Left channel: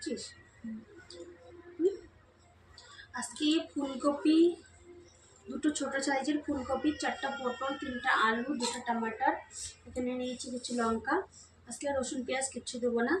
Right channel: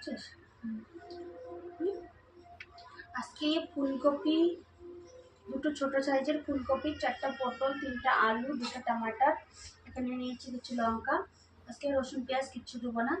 করছিস? আজকে ফুলকপি, দুটো ছোট সাইজের ফুলকপি, 4টা পটল, 3টা আলু, 2টা টমাটার, এখানে নিয়েছি কিছু লঙ্কা। আজকে রসুন পেঁয়াজ কিচ্ছু দেবো না।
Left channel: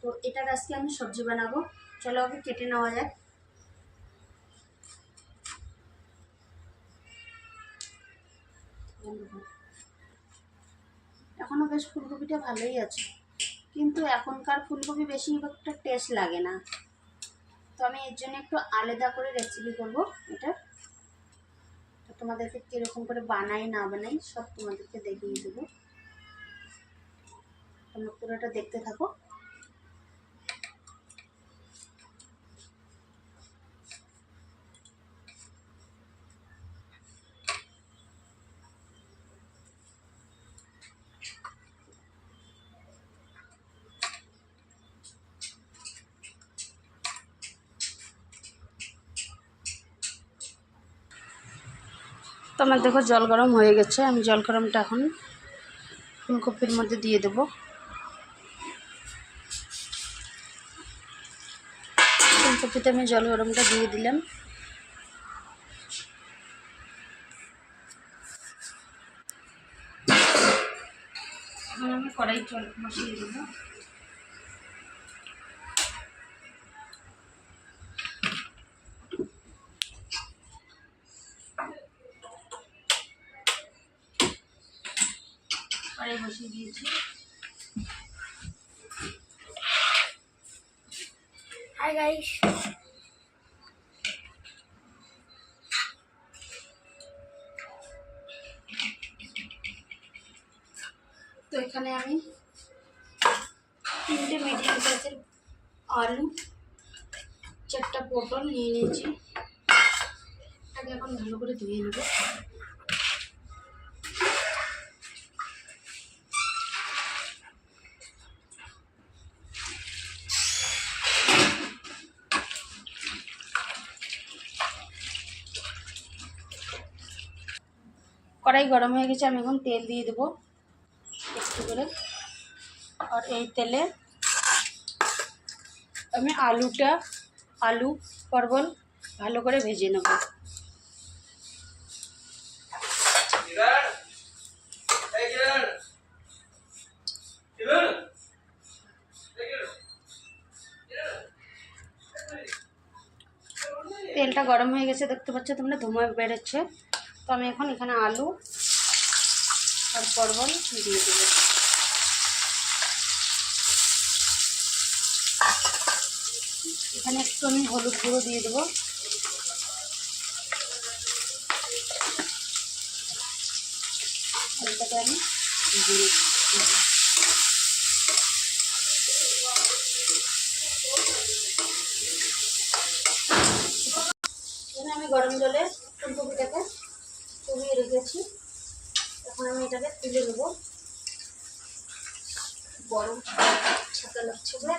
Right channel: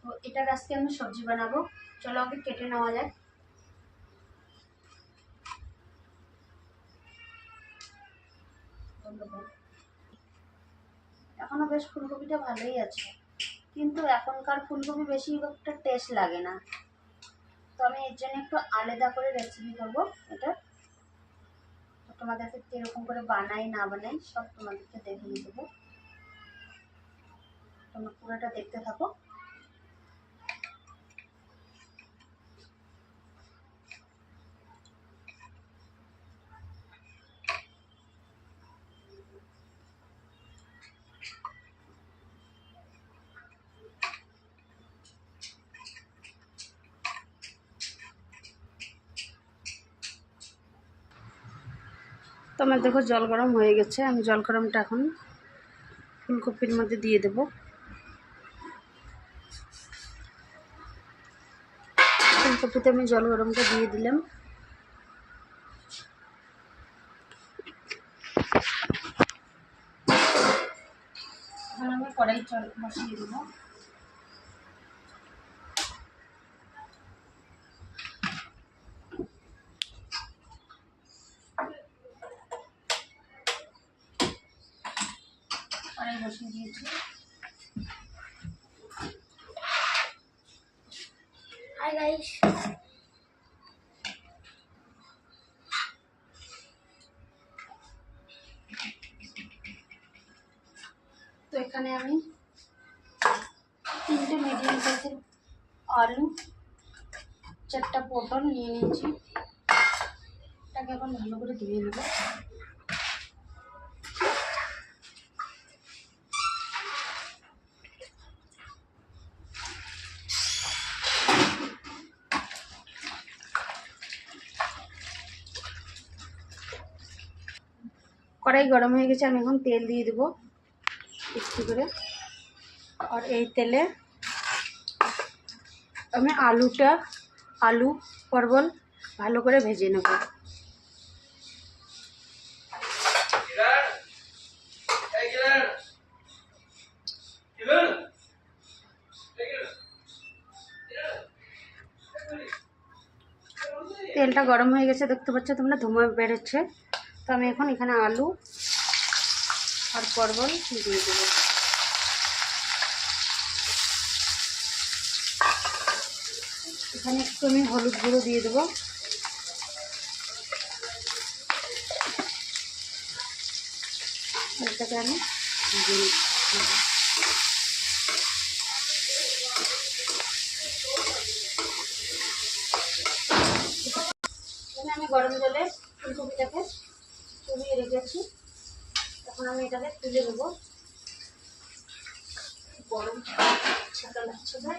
তো এটার আজকে আমি সবজি বানাবো। চলো আগে কেটে নেওয়া যাক। এখনো বেশ ফুলকপিটা ভালোই আছে, কিন্তু এখনকার ফুলকপি বেশি একটা টেস্ট লাগে না। তো আমি এর জন্য একটু আলাদা করে রেসিপি করব এটা। তো তোমাদেরকে কীরকম করে বানাই না বানাই সব তোমাদেরকে দেখিয়ে দেবো। তোমরা পুরোটা দেখতে থাকো। তো আমার দেখো জল গরম হয়ে গেছে। আমি জল গরমটা এখন ফুলকপির মধ্যে দিয়ে দেব। ফুলকপিতে আমি জল গরমটা দিয়ে দিলাম। এখন আমি কড়াই জল বসিয়ে দেব। কড়াই বসিয়ে দিয়েছি। হাই গাইস, তো এখানে আমি 3টে মিডিয়াম সাইজের আলু, 4টা পটল নিয়ে নিয়েছি। এটাকে এখন ভালো করে ধুয়ে নেব। কড়াই গরম হয়ে গেছে, আমি এখন তেল দিয়ে দেবো একটু করে। আর এই তেলে আমি আলু পটল ভালো করে ভেজে নেব। তেলটা গরম হয়ে গেছে, দেখতে পাচ্ছ তোমরা ধোঁয়া বেরোচ্ছে। তো আমি এখন এখানে আলু আর পটল দিয়ে দেবো। এখানে একটু আমি হলুদ গুঁড়ো দিয়ে দেবো। এটাকে আমি দিয়ে দেবো। এখানে আমি গরম জলে ফুলকপিটাকে কমিয়ে রেখেছি। এখন আমি এটাকে তুলে দেবো। গরম ছাতা লাগছে ভাই।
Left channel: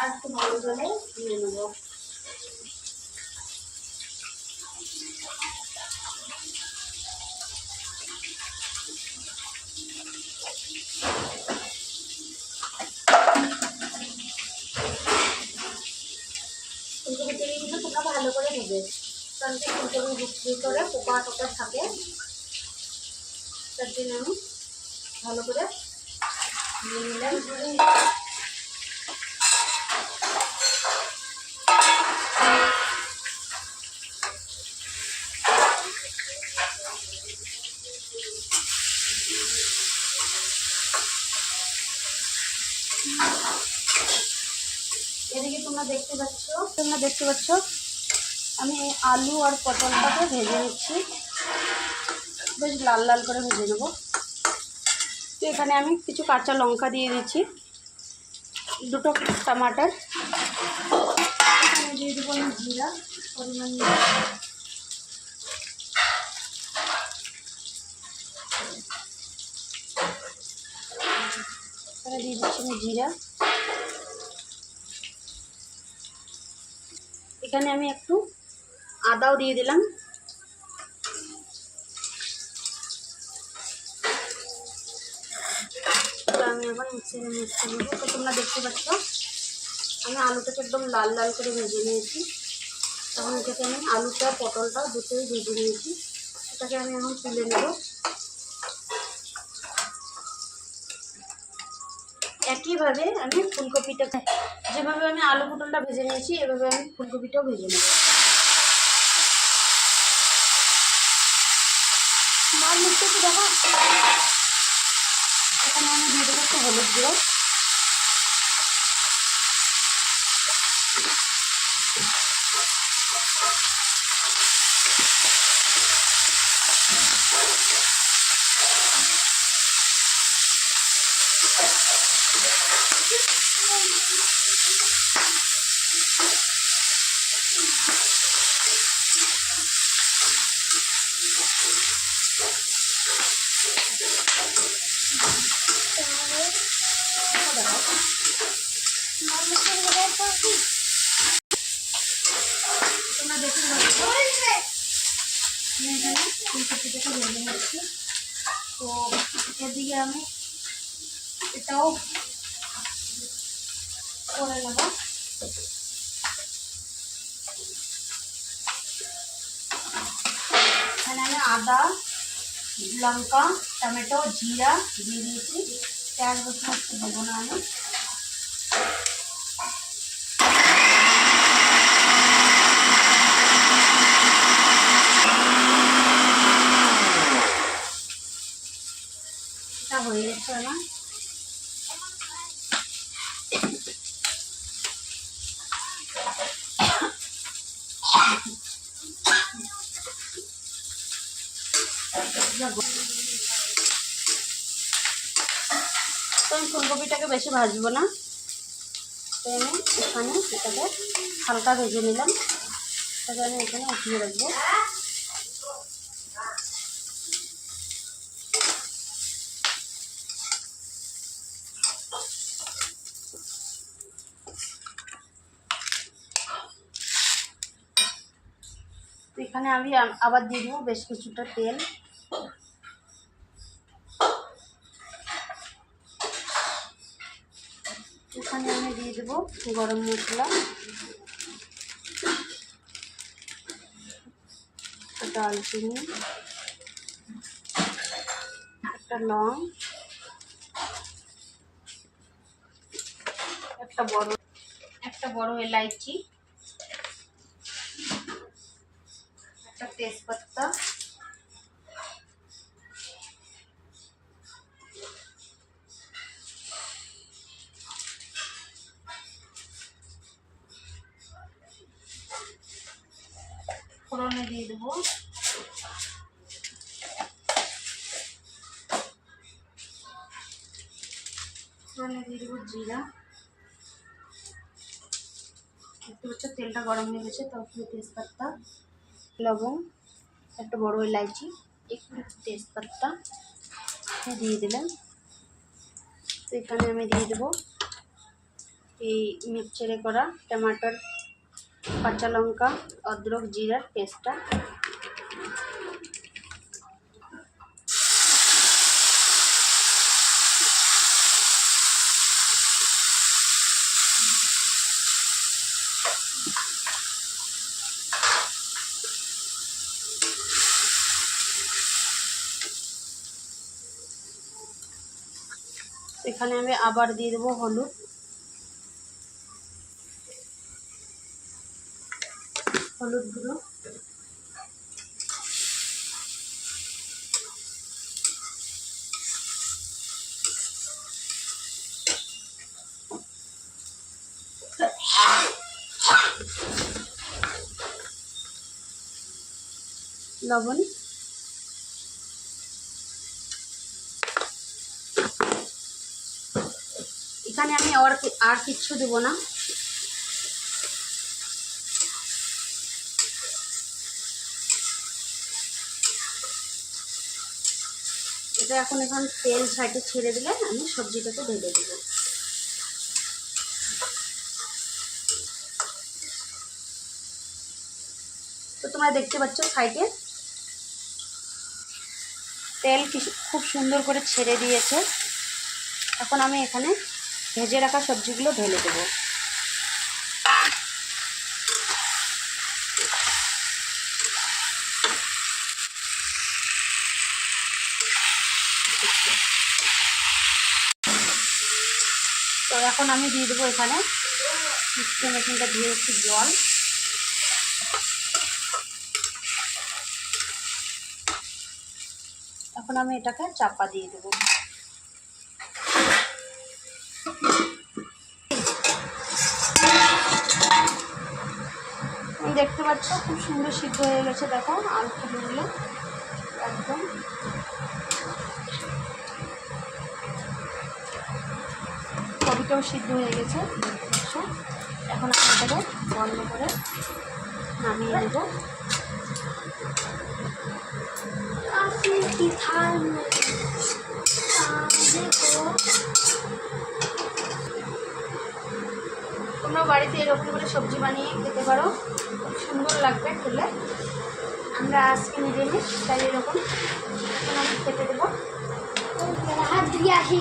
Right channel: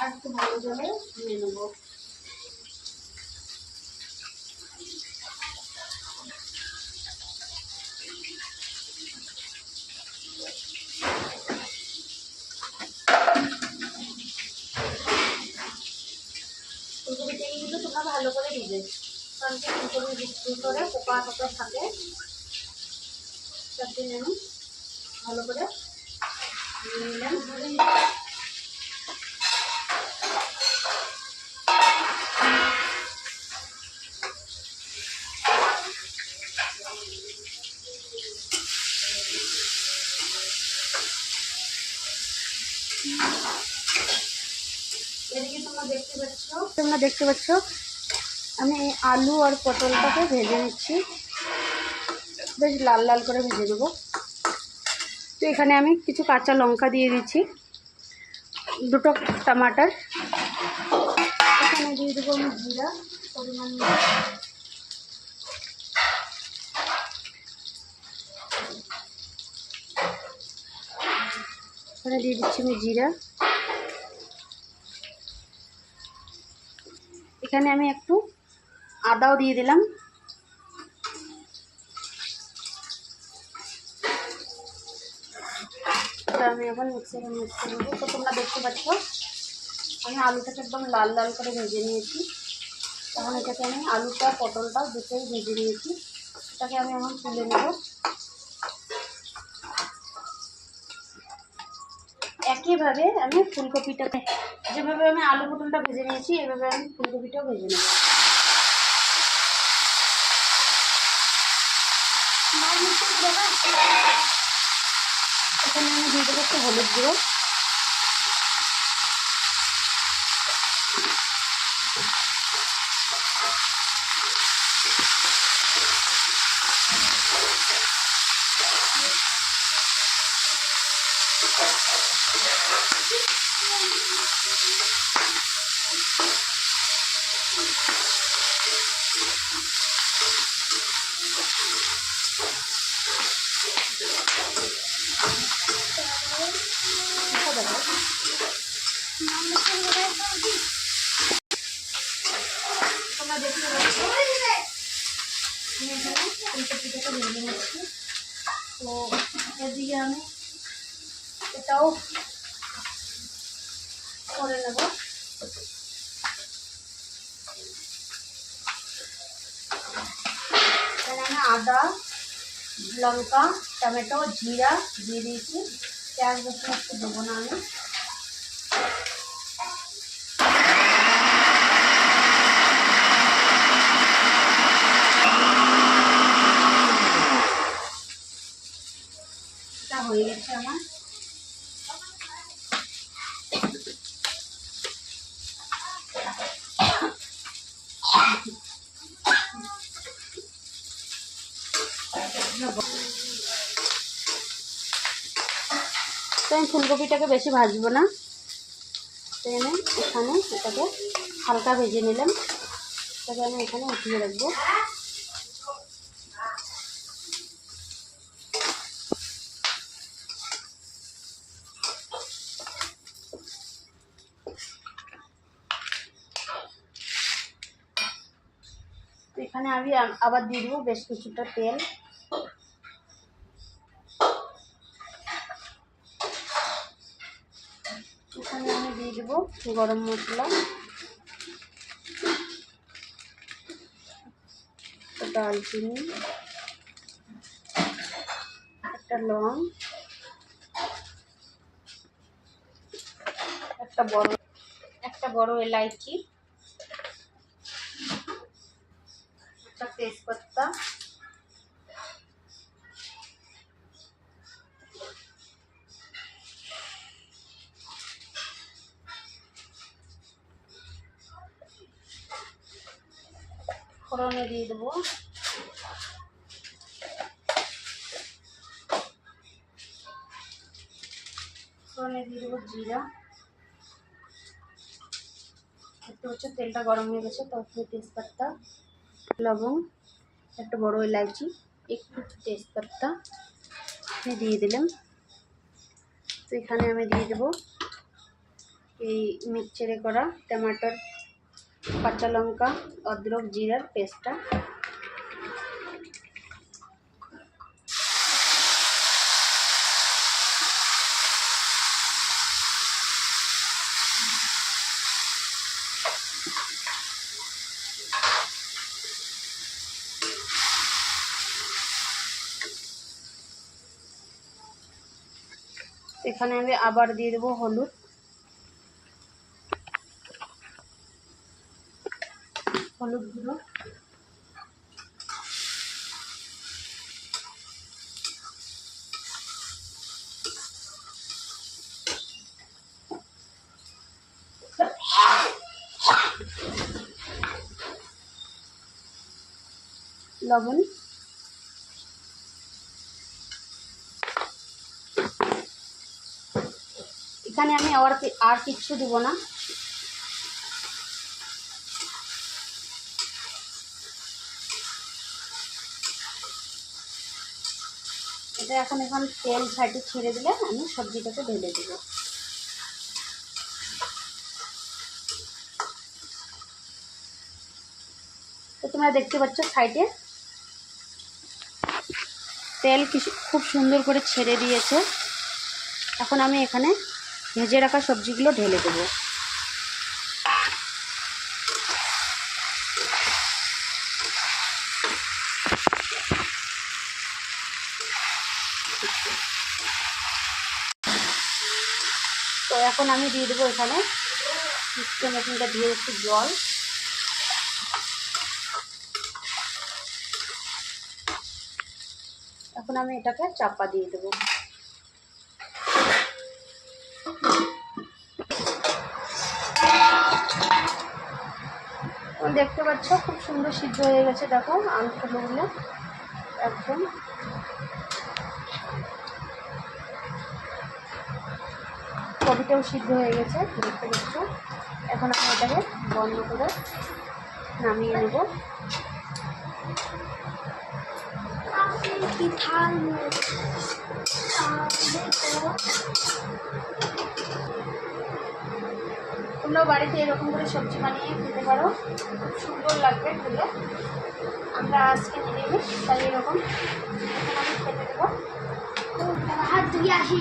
আর একটু ভালো জলে ধুয়ে নেবো। ফুলকপিটাকে কিন্তু তোমরা ভালো করে দেবে, কারণ ফুলকপির ভিতরে পোকা টোকা থাকে। তার জন্য আমি ভালো করে নিয়ে নিলাম। এদিকে তোমরা দেখতে পাচ্ছ আমি আলু আর পটলটাকে ভেজে নিচ্ছি, বেশ লাল লাল করে ভেজে নেব। তো এখানে আমি কিছু কাঁচা লঙ্কা দিয়ে দিচ্ছি, 2টো টমাটার। এখানে দিয়ে দেবো আমি জিরা পরিমাণ মতো। এখানে দিয়ে দিচ্ছি আমি জিরা। এখানে আমি একটু আদাও দিয়ে দিলাম। আমি এখন মিক্সারে মিক্স করে নেবো। তো তোমরা দেখতে পাচ্ছ আমি আলুটাকে একদম লাল লাল করে ভেজে নিয়েছি। তখন এটাকে আমি আলুটা পটলটা দুটোই ভেজে নিয়েছি, এটাকে আমি এখন তুলে নেব। একইভাবে আমি ফুলকপিটাকে যেভাবে আমি আলু পটলটা ভেজে নিয়েছি এভাবে আমি ফুলকপিটাও ভেজে নেব। এখানে আমি দিয়ে দেবো একটু হলুদ গুঁড়ো, তোমরা দেখতে পাচ্ছ আমি এখানে ফুলকপিটাকে ভেজে নিচ্ছি। তো এদিকে আমি এটাও করে নেব। এখানে আমি আদা, লঙ্কা, টমেটো, জিরা দিয়ে দিয়েছি। পেঁয়াজ রসুন একটু দেবো না আমি। এটা হয়ে গেছে আমার। তো আমি ফুলকপিটাকে বেশি ভাজবো না, তো আমি এখানে এটাকে হালকা ভেজে নিলাম, এটাকে আমি এখানে উঠিয়ে রাখবো। তো এখানে আমি আবার দিয়ে দেবো বেশ কিছুটা তেল। এখানে আমি দিয়ে দেবো গরম মশলা, দারচিনি, একটা লং, একটা বড় এলাইচি, একটা তেজপাতা, ফোড়নে দিয়ে দেবো জিরা। দেখতে পাচ্ছ তেলটা গরম হয়ে গেছে, তখন তেজপাতা, লবঙ্গ, একটা বড় এলাইচি, একটু তেজপাতা দিয়ে দিলাম। তো এখানে আমি দিয়ে দেবো এই মিক্সচারে করা টমাটোর, কাঁচা লঙ্কা, অদরক, জিরার পেস্টটা। এখানে আমি আবার দিয়ে দেবো হলুদ, গুঁড়ো, লবণ। এখানে আমি আর কিচ্ছু দেবো না। এটা এখন তেল সাইডে ছেড়ে দিলে আমি সবজিটাকে ঢেলে দেব। তো তোমরা দেখতে পাচ্ছ সাইডে তেল খুব সুন্দর করে ছেড়ে দিয়েছে। এখন আমি এখানে ভেজে রাখা সবজিগুলো ঢেলে দেবো। তো এখন আমি দিয়ে দেবো এখানে মিক্সচার মেশিনটা দিয়ে একটু জল, এখন আমি এটাকে চাপা দিয়ে দেবো। দেখতে পাচ্ছ খুব সুন্দর সিদ্ধ হয়ে গেছে, দেখো আলুগুলো একদম। কবিটাও সিদ্ধ হয়ে গেছে দেখতে পাচ্ছ। এখন আমি এটাকে বন্ধ করে নামিয়ে নেব। তোমরা বাড়িতে এরকম করে সবজি বানিয়ে খেতে পারো, খুব সুন্দর লাগবে খেলে। আমরা আজকে নিজে নিই তাই এরকম এখন আমি খেতে দেবো। হাত দিয়ে আসি।